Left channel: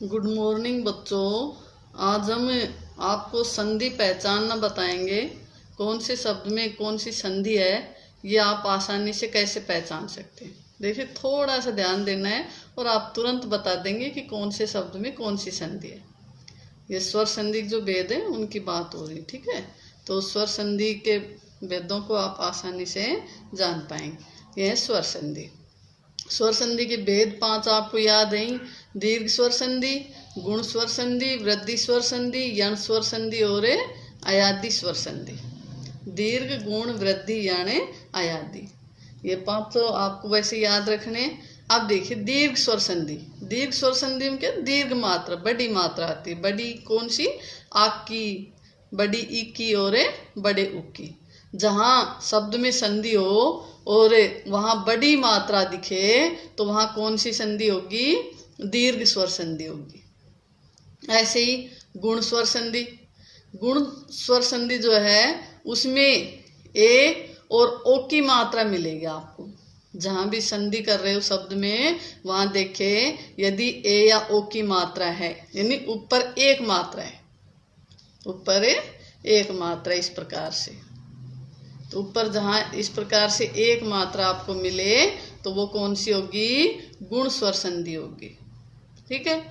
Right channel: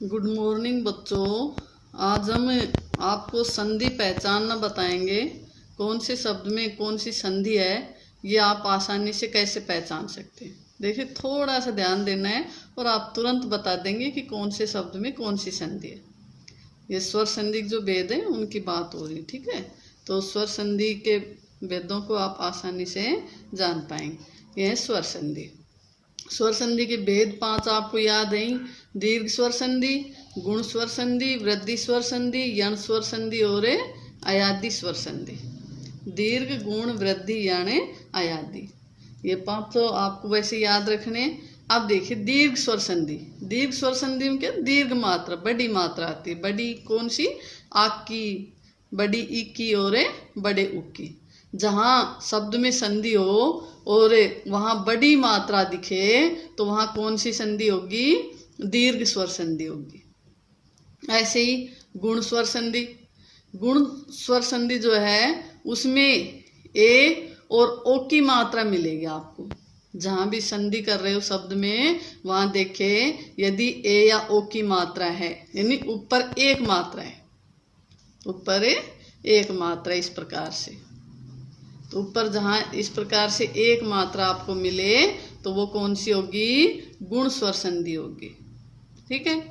Good morning बच्चों। आज हम आपको संधि पहचानना बताएंगे। कौन से शब्द में कौन सी संधि है ये आप आसानी से कैसे पहचान सकते हैं। देखिए, थोड़ा सा ध्यान देना है और आप तुरंत बता देंगे कि कौन से शब्द में कौन सी संधि है। ये स्वर संधि जो भेद है उनकी बात हो रही, ठीक है। तो स्वर संधि के भेदों को आप आसानी से जान पाएंगे। यह है स्वर संधि। स्वर संधि के भेद 5 आपको याद है। दीर्घ स्वर संधि, गुण स्वर संधि, वृद्धि स्वर संधि, यण स्वर संधि और अयादी स्वर संधि। दीर्घ, गुण, वृद्धि, यण, अयादी, ये 5 तो आपको वैसे याद रखने। अब देखिए दीर्घ स्वर संधि। दीर्घ स्वर संधि में क्या, दीर्घ मात्रा, बड़ी मात्रा आती है। बड़ी कौन सी? आक की, बड़ी ई की और बड़े उ की। जहाँ शब्द में संधि हो और वहां बड़ी मात्रा दिखे तो वहां कौन सी संधि होगी? दीर्घ स्वर संधि होगी। ऐसे ही गुण स्वर संधि। गुण स्वर संधि जो है उसमें ए और ओ की मात्रा मिलेगी आपको। जहां भी संधि कर रहे हो शब्द में वहां देखे यदि ए या ओ की मात्रा है, यानी ऊपर एक मात्रा है, ऊपर एक मात्रा इस प्रकार से, तो ऊपर जहां इस प्रकार से एक मात्रा आपको मिले तो वो कौन सी होगी? गुण स्वर संधि होगी, ठीक है।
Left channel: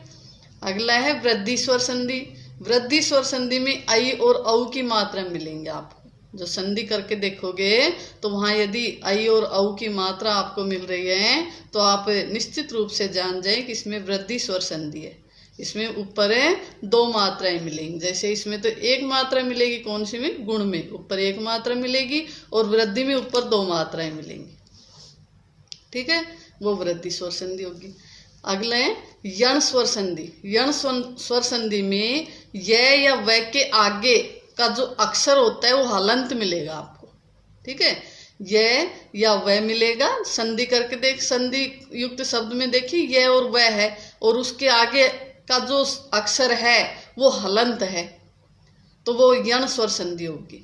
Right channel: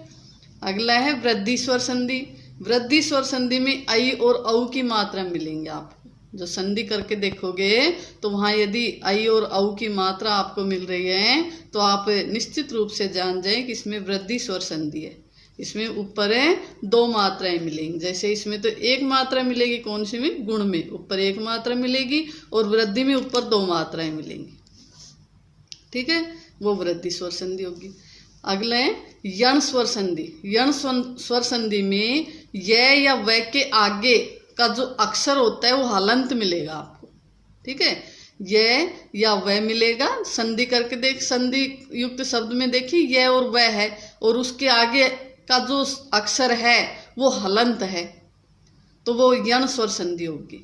अगला है वृद्धि स्वर संधि। वृद्धि स्वर संधि में आई और औ की मात्रा मिलेंगे आपको। जो संधि करके देखोगे तो वहां यदि आई और औ की मात्रा आपको मिल रही है तो आप निश्चित रूप से जान जाए कि इसमें वृद्धि स्वर संधि है। इसमें ऊपर 2 मात्राएं मिलेंगी। जैसे इसमें तो एक मात्रा मिलेगी, कौन सी में? गुण में ऊपर एक मात्रा मिलेगी और वृद्धि में ऊपर 2 मात्राएं मिलेंगी, ठीक है। वो वृद्धि स्वर संधि होगी। अगला है यण स्वर संधि। यण स्वर संधि में य या व के आगे का जो अक्षर होता है वो हलंत मिलेगा आपको, ठीक है। य या व मिलेगा। संधि करके देख, संधि युक्त शब्द में देखिए य और व है और उसके आगे का जो अक्षर है वो हलंत है तो वो यण स्वर संधि होगी,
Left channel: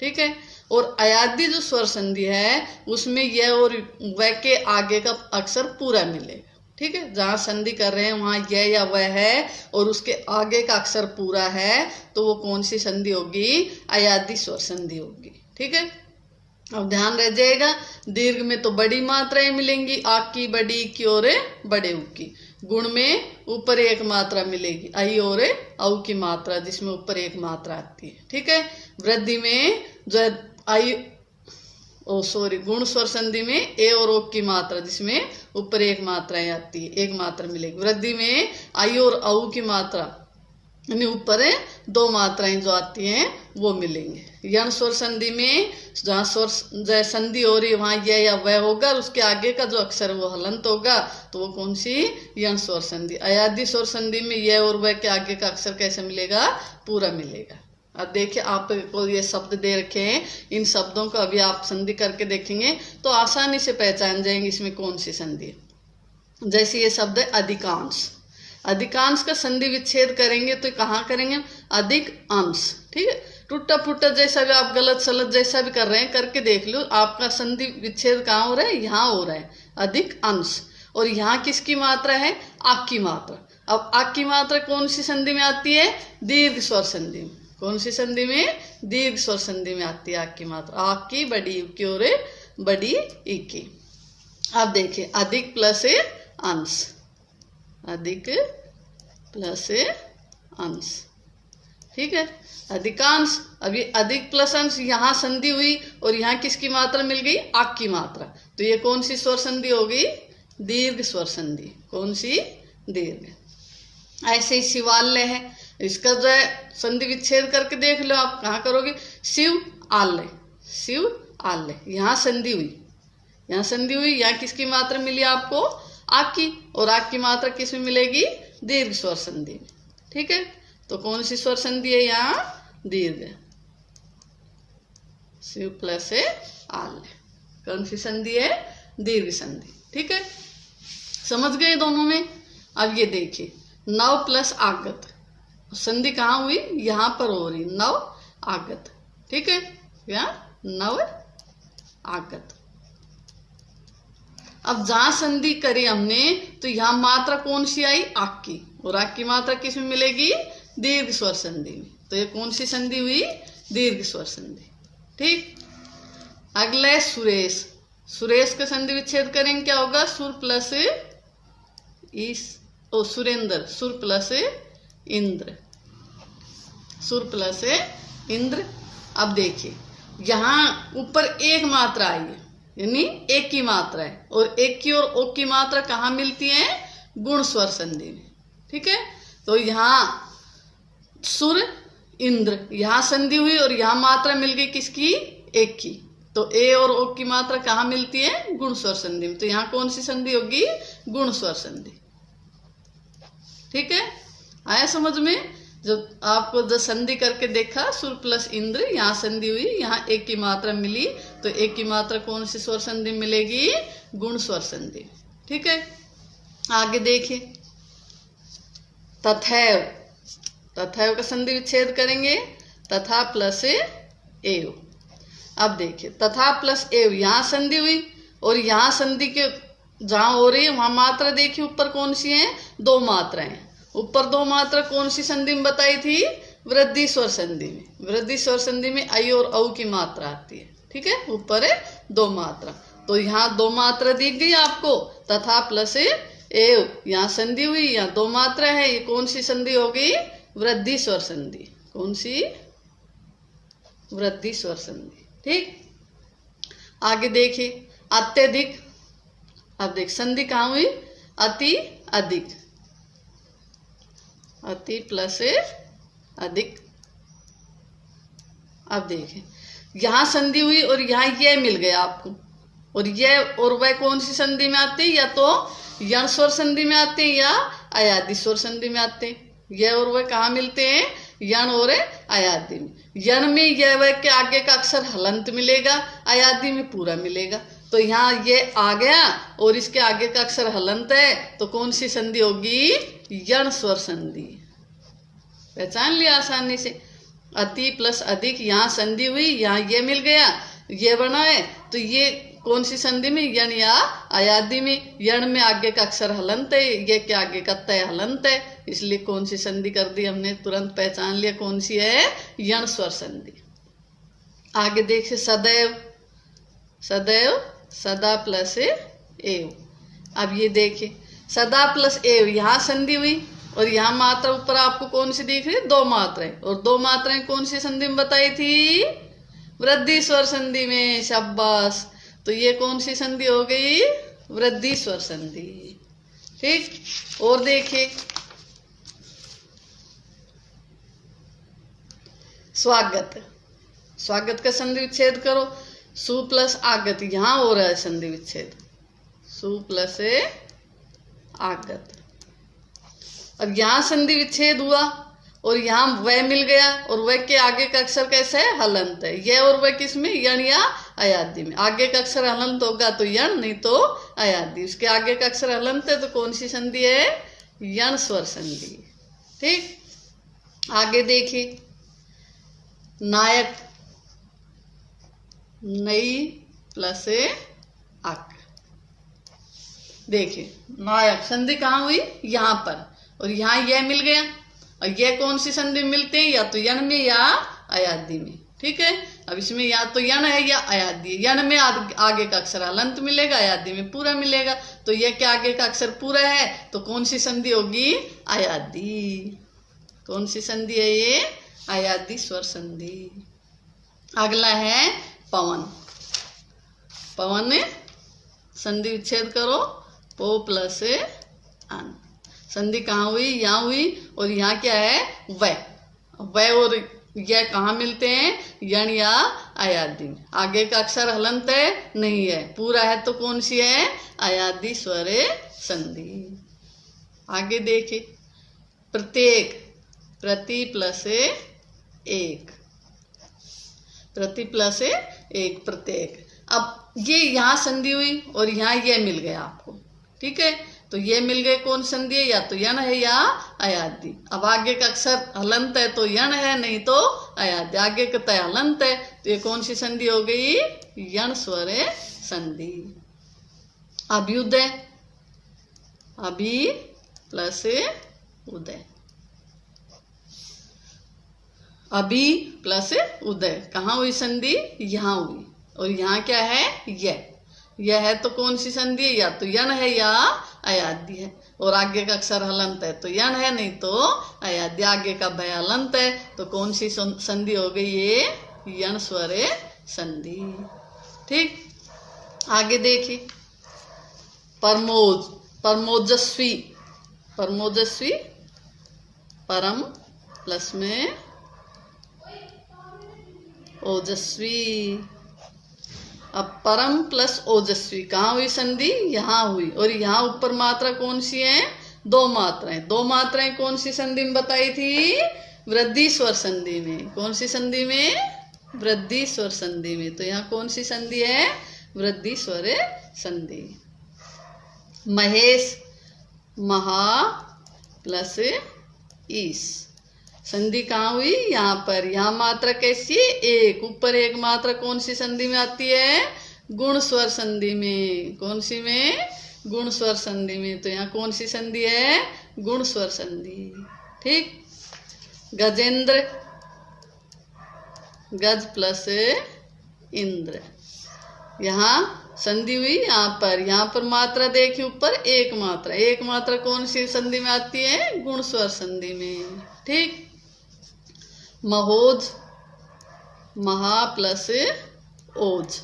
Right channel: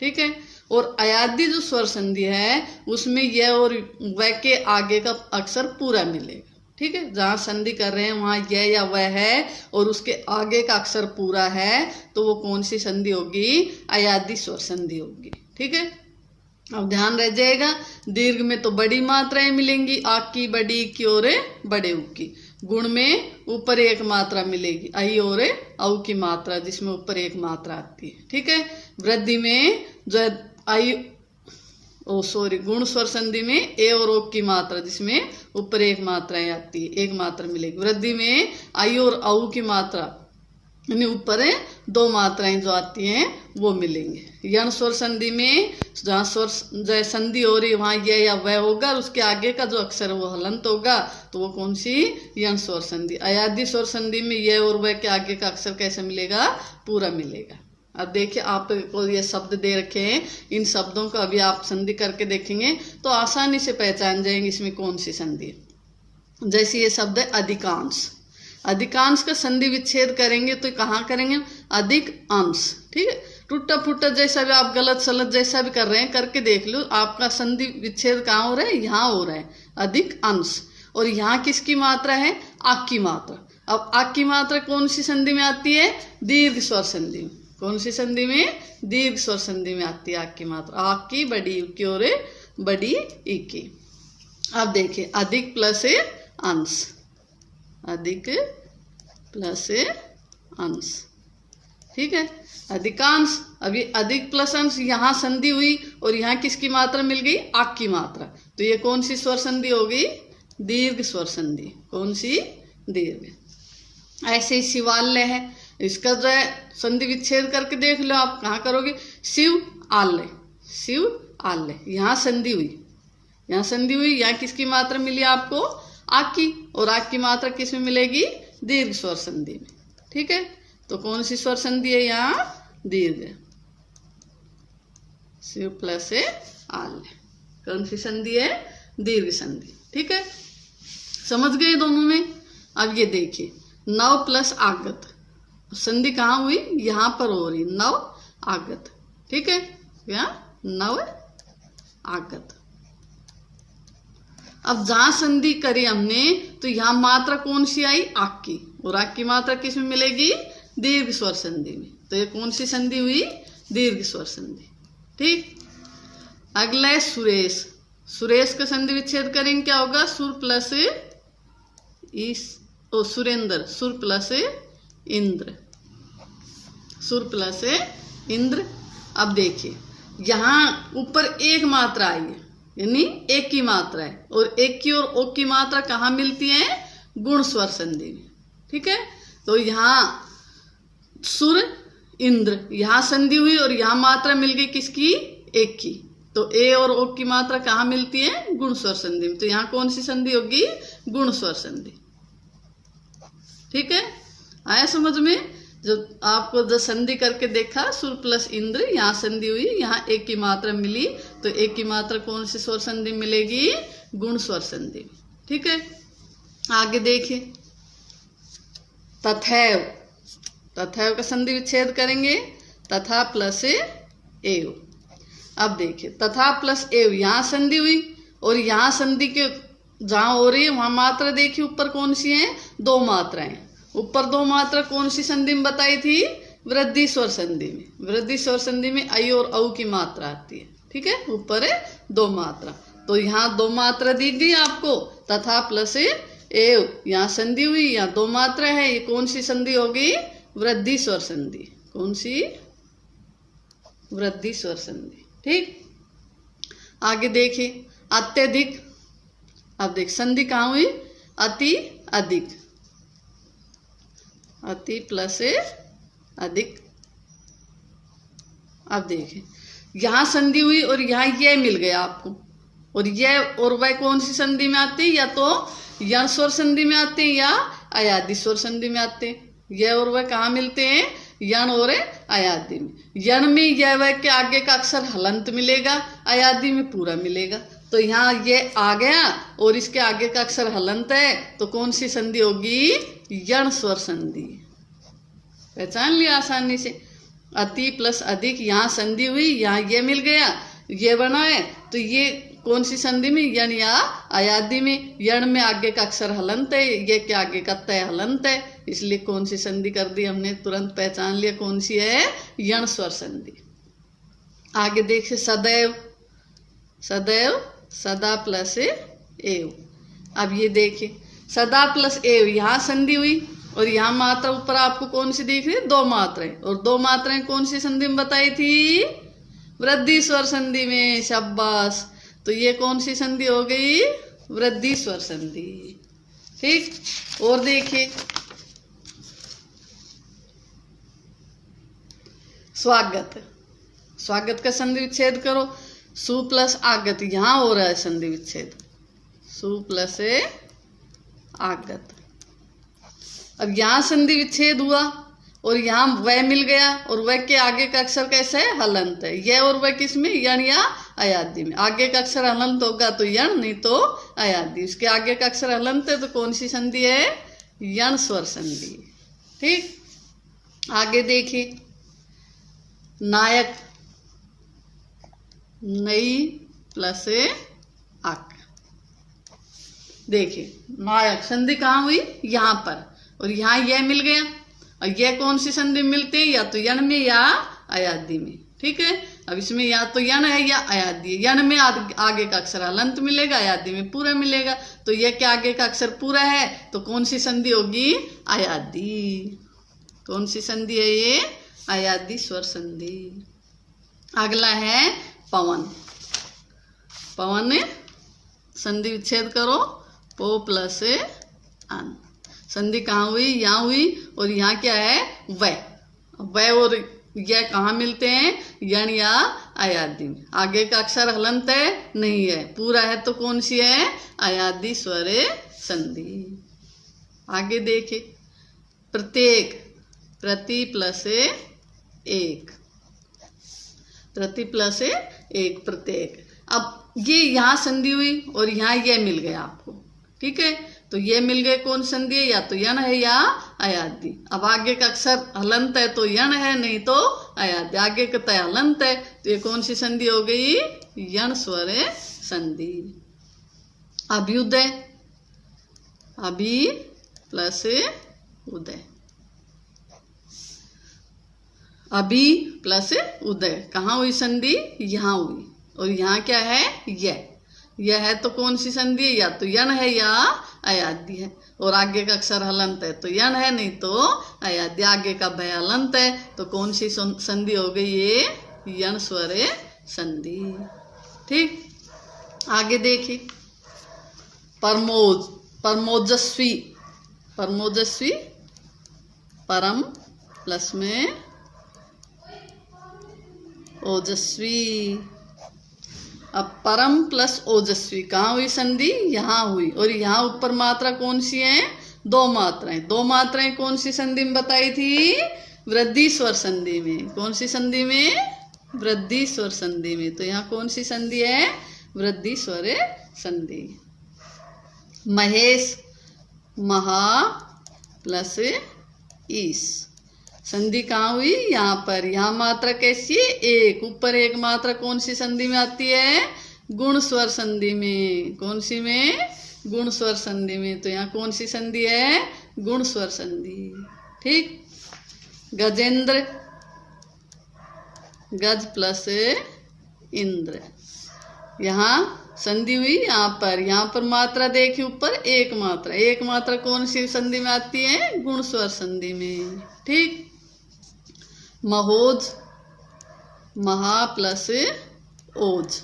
ठीक है। और अयादी जो स्वर संधि है उसमें य और व के आगे का अक्षर पूरा मिलेगा, ठीक है। जहां संधि कर रहे हैं वहां य या व है और उसके आगे का अक्षर पूरा है तो वो कौन सी संधि होगी? अयादी स्वर संधि होगी, ठीक है। अब ध्यान रह जाएगा, दीर्घ में तो बड़ी मात्राएं मिलेंगी, आक की, बड़ी की और बड़े उ की। गुण में ऊपर एक मात्रा मिलेगी, आई और औ की मात्रा, जिसमें ऊपर एक मात्रा आती है, ठीक है। वृद्धि में जो आई गुण स्वर संधि में ए और ओ की मात्रा, जिसमें ऊपर एक मात्राएं आती है, एक मात्रा मिलेगी। वृद्धि में आई और औ की मात्रा, यानी ऊपर 2 मात्राएं जो आती हैं वो मिलेंगे। यण स्वर संधि में जहाँ स्वर संधि हो रही वहां य या व होगा और उसके आगे का जो अक्षर वो हलंत होगा तो वो कौन सी? यण स्वर संधि। अयादी स्वर संधि में य और व के आगे का अक्षर कैसे मिलेगा? पूरा मिलेगा। अब देखिए आपको ये शब्द दे रखे हैं, इन शब्दों को अभी आप संधि करके देखेंगे तो आसानी से पहचान जाएंगे इसमें कौन सी संधि है। जैसे ये शब्द है अधिकांश। अधिकांश का संधि विच्छेद करेंगे तो कहाँ करेंगे? अधिक अंश, ठीक है। टूटा फूटा जैसा भी आप गलत सलत जैसा भी कर रहे हैं करके देख लो, आपका संधि विच्छेद कहाँ हो रहा है? यहाँ हो रहा है, अधिक अंश। और यहाँ किसकी मात्रा है? आक की मात्रा। अब आक की मात्रा कौन सी संधि में आती है? दीर्घ स्वर संधि में। कौन सी संधि में? दीर्घ स्वर संधि में आती है आक की मात्रा। आक की, बड़ी उ की और बड़ी ई की। अब देखिए अधिक प्लस अंश, अधिक प्लस अंश, ठीक है। अधिकांश, अभी अधिक प्लस अंश, यहाँ संधि हुई और यहाँ किसकी मात्रा मिल गई? आक की मात्रा। तो ये कौन सी स्वर संधि हो गई? दीर्घ स्वर संधि। कौन सी? दीर्घ। ऐसे ही शिवालय है, इसका जो है संधि विच्छेद करके देख लो आप। कहाँ करोगे? शिव आलय, शिव आलय। यहाँ संधि हुई, यहाँ संधि हुई, यहाँ किसकी मात्रा मिली आपको? आक की। और आक की मात्रा किस में मिलेगी? दीर्घ स्वर संधि में, ठीक है। तो कौन सी स्वर संधि है यहाँ? दीर्घ। शिव प्लस आलय, कौन सी संधि है? दीर्घ संधि, ठीक है। समझ गए दोनों में? अब ये देखिए नव प्लस आगत। संधि कहाँ हुई? यहाँ पर हो रही, नव आगत, ठीक है। यहाँ नव आगत। अब जहां संधि करी हमने तो यहाँ मात्रा कौन सी आई? आक की। और आग की मात्रा किस में मिलेगी? दीर्घ स्वर संधि में। तो ये कौन सी संधि हुई? दीर्घ स्वर संधि। ठीक। अगला है सुरेश। सुरेश का संधि विच्छेद करेंगे, क्या होगा? सुर प्लस सुरेंद्र, सुर प्लस इंद्र, सुर प्लस इंद्र। अब देखिए यहाँ ऊपर एक मात्रा आई है, यानी एक की मात्रा है, और एक की और ओ की मात्रा कहाँ मिलती है? गुण स्वर संधि में। ठीक है। तो यहाँ सुर इंद्र, यहाँ संधि हुई और यहाँ मात्रा मिल गई किसकी? एक की। तो ए और ओ की मात्रा कहाँ मिलती है? गुण स्वर संधि में। तो यहाँ कौन सी संधि होगी? गुण स्वर संधि। ठीक है, आया समझ में? जब आपको जो संधि करके देखा, सुर प्लस इंद्र, यहाँ संधि हुई, यहाँ एक की मात्रा मिली, तो एक की मात्रा कौन सी स्वर संधि मिलेगी? गुण स्वर संधि। ठीक है, आगे देखिए तथैव। तथैव का संधि विच्छेद करेंगे, तथा प्लस एव। अब देखिए तथा प्लस एव, यहाँ संधि हुई और यहाँ संधि के जहां हो रही है वहां मात्रा देखिए ऊपर कौन सी है? दो मात्राएं। ऊपर दो मात्रा कौन सी संधि में बताई थी? वृद्धि स्वर संधि में। वृद्धि स्वर संधि में आई और औ की मात्रा आती है। ठीक है, ऊपर है दो मात्रा, तो यहाँ दो मात्रा दिख गई आपको, तथा प्लस एव। यहाँ संधि हुई, यहाँ दो मात्रा है, ये कौन सी संधि होगी? वृद्धि स्वर संधि। कौन सी? वृद्धि स्वर संधि। ठीक, आगे देखिए अत्यधिक। अब देख संधि कहाँ हुई? अति अधिक, अति प्लस अधिक। अब देखिए यहां संधि हुई और यहाँ यह मिल गया आपको, और यह और वह कौन सी संधि में आते हैं? या तो यण स्वर संधि में आते हैं या अयादि स्वर संधि में आते हैं। यह और वह कहाँ मिलते हैं? यण और अयादि में। यण में यह वह के आगे का अक्षर हलंत मिलेगा, अयादि में पूरा मिलेगा। तो यहाँ ये आ गया और इसके आगे का अक्षर हलंत है, तो कौन सी संधि होगी? यण स्वर संधि। पहचान लिया आसानी से। अति प्लस अधिक, यहाँ संधि हुई, यहाँ ये मिल गया, ये बना है, तो ये कौन सी संधि में? यण या अयादि में। यण में आगे का अक्षर हलंत है, ये के आगे का तय हलंत है, इसलिए कौन सी संधि कर दी हमने? तुरंत पहचान लिया कौन सी है? यण स्वर संधि। आगे देखिए सदैव। सदैव सदा प्लस एव। अब ये देखिए सदा प्लस एव, यहाँ संधि हुई और यहाँ मात्रा ऊपर आपको कौन सी दिख रही है? दो मात्राएं, और दो मात्राएं कौन सी संधि में बताई थी? वृद्धि स्वर संधि में। शाबाश, तो ये कौन सी संधि हो गई? वृद्धि स्वर संधि। ठीक, और देखिए स्वागत। स्वागत का संधि विच्छेद करो, सु प्लस आगत, यहां हो रहा है संधि विच्छेद, सु प्लस आगत। अब यहां संधि विच्छेद हुआ और यहाँ वह मिल गया, और वह के आगे का अक्षर कैसे है? हलंत है। यह और वह किस में? यण या अयादि में। आगे का अक्षर हलंत होगा तो यण, नहीं तो अयादि। उसके आगे का अक्षर हलंत है तो कौन सी संधि है? यण स्वर संधि। ठीक, आगे देखिए नायक। नई प्लस अक। देखिए नायक संधि कहाँ हुई? यहाँ पर, और यहाँ यह मिल गया, और यह कौन सी संधि मिलते हैं? या तो यण में या अयादि में। ठीक है, अब इसमें या तो यण है या अयादि। यण में आगे का अक्षर हलंत मिलेगा, अयादि में पूरा मिलेगा, तो यह के आगे का अक्षर पूरा है, तो कौन सी संधि होगी? अयादि। कौन सी संधि है ये? अयादि स्वर संधि। अगला है पवन। पवन संधि विच्छेद करो, पो प्लस अन। संधि कहाँ हुई? यहाँ हुई, और यहाँ क्या है? वह। वह और यह कहाँ मिलते हैं? यण या अयादि में। आगे का अक्षर हलंत है? नहीं है, पूरा है, तो कौन सी है? अयादि स्वर संधि। आगे देखिए प्रत्येक। प्रति प्लस एक, प्रति प्लस एक, प्रत्येक। अब ये यहाँ संधि हुई और यहाँ ये मिल गया आपको। ठीक है, तो ये मिल गए कौन संधि है? या तो यण है या अयादि। अब आगे का अक्षर हलंत है तो यण है, नहीं तो अयादि। आगे का तय हलंत है, तो ये कौन सी संधि हो गई? यण स्वर संधि। अभ्युदय। अभि प्लस उदय। अभी प्लस उदय, कहाँ हुई संधि? यहाँ हुई। और यहाँ क्या है? यह है तो कौन सी संधि है? या तो यन है या अयाद्य है। और आगे का अक्षर हलंत है तो यन है, नहीं तो अयाद्य। आगे का भय हलंत है तो कौन सी संधि हो गई? ये यन स्वरे संधि। ठीक, आगे देखिए। परमोज, परमोजस्वी, परमोजस्वी, परम प्लस में ओजस्वी। अब परम प्लस ओजस्वी, कहाँ हुई संधि? यहाँ हुई। और यहाँ ऊपर मात्रा कौन सी है? दो मात्राएं। दो मात्राएं कौन सी संधि में बताई थी? वृद्धि स्वर संधि में। कौन सी संधि में? वृद्धि स्वर संधि में। तो यहाँ कौन सी संधि है? वृद्धि स्वर संधि। महेश, महा प्लस ईश, संधि कहाँ हुई? यहाँ पर। यहाँ मात्रा कैसी है? एक। ऊपर एक मात्रा कौन सी संधि में आती है? गुण स्वर संधि में। कौन सी में? गुण स्वर संधि में। तो यहाँ कौन सी संधि है? गुण स्वर संधि। ठीक। गजेंद्र, गज प्लस इंद्र, यहाँ संधि हुई यहाँ पर। यहाँ पर मात्रा देखिए, ऊपर एक मात्रा। एक मात्रा कौन सी संधि में आती है? गुण स्वर संधि में। ठीक। महोज, महा प्लस ओज।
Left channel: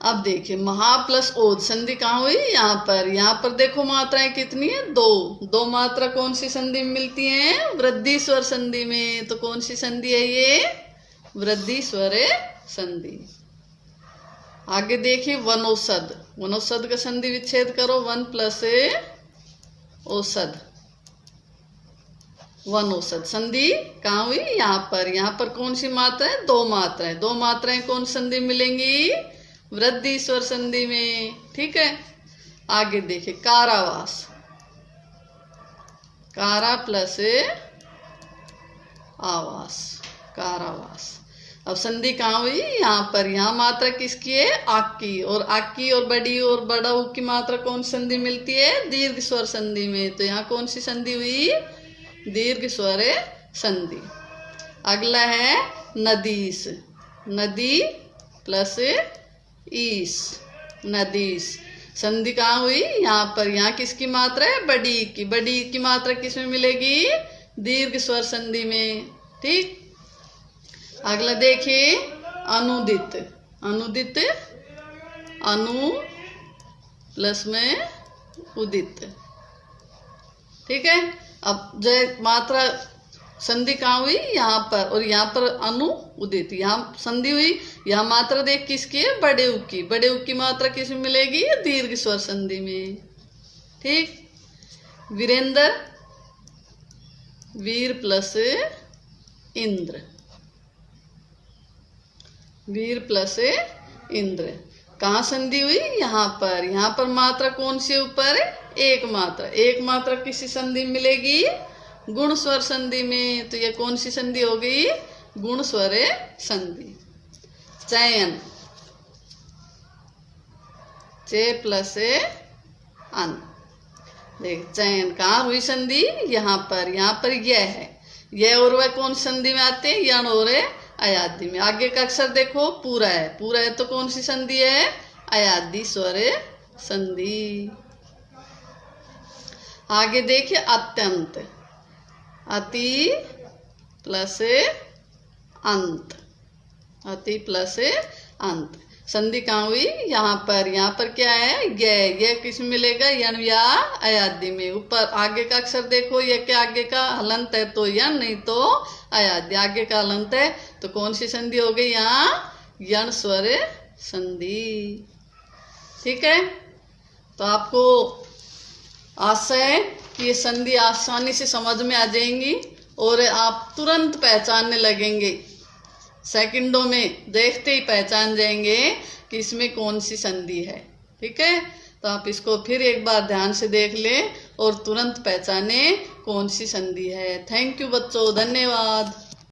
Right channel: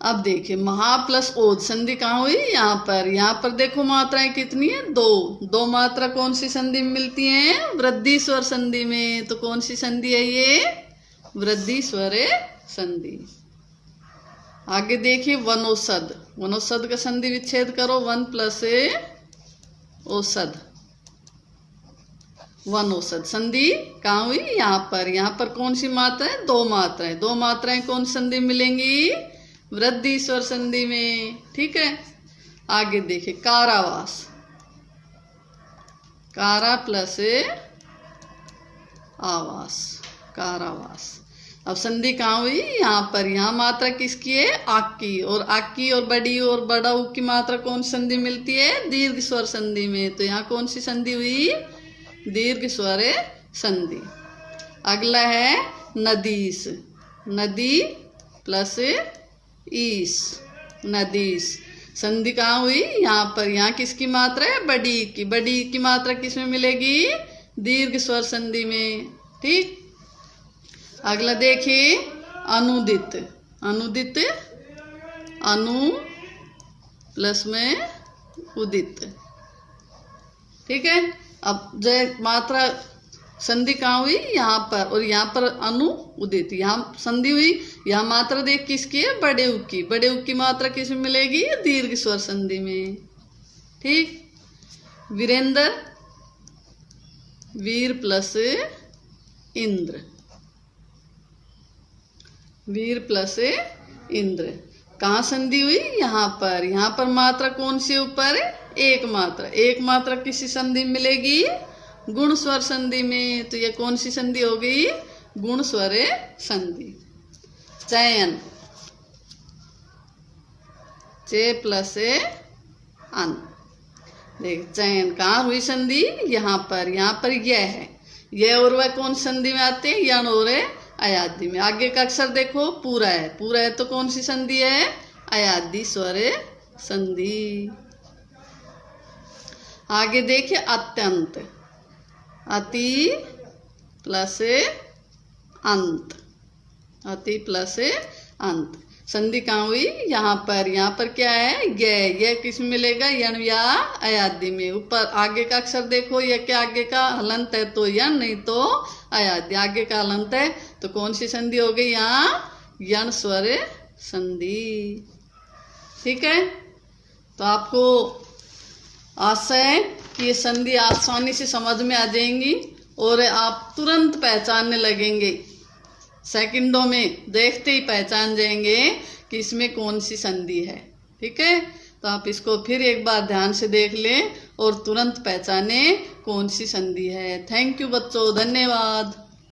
अब देखिए, महा प्लस ओज संधि कहाँ हुई? यहाँ पर। यहाँ पर देखो मात्राएं कितनी है? दो। दो मात्रा कौन सी संधि में मिलती हैं? वृद्धि स्वर संधि में। तो कौन सी संधि है ये? वृद्धि स्वर संधि। आगे देखिए, वनौषध, वनौषध का संधि विच्छेद करो। वन प्लस औषध, वनौषध संधि कहाँ हुई? यहाँ पर। यहाँ पर कौन सी मात्रा है? दो मात्राएं। दो मात्राएं कौन संधि मिलेंगी? वृद्धि स्वर संधि में। ठीक है। आगे देखिए, कारावास, कारा प्लस आवास, कारावास। अब संधि कहाँ हुई? यहाँ पर। यहाँ मात्रा किसकी है? आक की। और आक की और बड़ी और बड़ा ऊ की मात्रा कौन संधि मिलती है? दीर्घ स्वर संधि में। तो यहाँ कौन सी संधि हुई? दीर्घ स्वर संधि। अगला है नदीस, नदी प्लस ईस, नदीस। संधि कहाँ हुई? यहाँ पर। यहाँ किसकी मात्रा है? बड़ी की। बड़ी की मात्रा किसमें मिलेगी? दीर्घ स्वर संधि में। ठीक। अगला देखिए, अनुदित, अनुदित, अनु प्लस में उदित। ठीक है। अब जय मात्रा संधि कहाँ हुई? यहाँ पर। और यहाँ पर अनु उदित, यहाँ संधि हुई। यहाँ मात्रा देख किसकी है? बड़े उ की। बड़े उ की मात्रा किसमें मिलेगी? दीर्घ स्वर संधि में। ठीक। वीरेंद्र, वीर प्लस इंद्र, वीर प्लस इंद्र। कहाँ संधि हुई? यहाँ पर। यहाँ पर मात्रा कौन सी ऊपर? एक मात्रा। एक मात्रा किसी संधि में मिलेगी? गुण स्वर संधि में। तो ये कौन सी संधि हो गई? गुण स्वर संधि। चयन, चे प्लस अन। देख, चयन कहाँ हुई संधि? यहाँ पर। यहाँ पर यह है। यह और वह कौन संधि में आते हैं? यन और अयादि में। आगे का अक्षर देखो, पूरा है। पूरा है तो कौन सी संधि है? अयादि स्वर संधि। आगे देखिए, अत्यंत, अति प्लस अंत, अति प्लस अंत। संधि कहाँ हुई? यहाँ पर। यहाँ पर क्या है? यह किस में मिलेगा? यन या अयादि में। ऊपर आगे का अक्षर देखो, यह क्या आगे का हलंत है तो यन, नहीं तो अयादि। आगे का हलंत है तो कौन सी संधि हो गई? यहाँ यन स्वर संधि। ठीक है। तो आपको आशा है कि ये संधि आसानी से समझ में आ जाएंगी और आप तुरंत पहचानने लगेंगे। सेकंडों में देखते ही पहचान जाएंगे कि इसमें कौन सी संधि है। ठीक है। तो आप इसको फिर एक बार ध्यान से देख लें और तुरंत पहचाने कौन सी संधि है। थैंक यू बच्चों, धन्यवाद।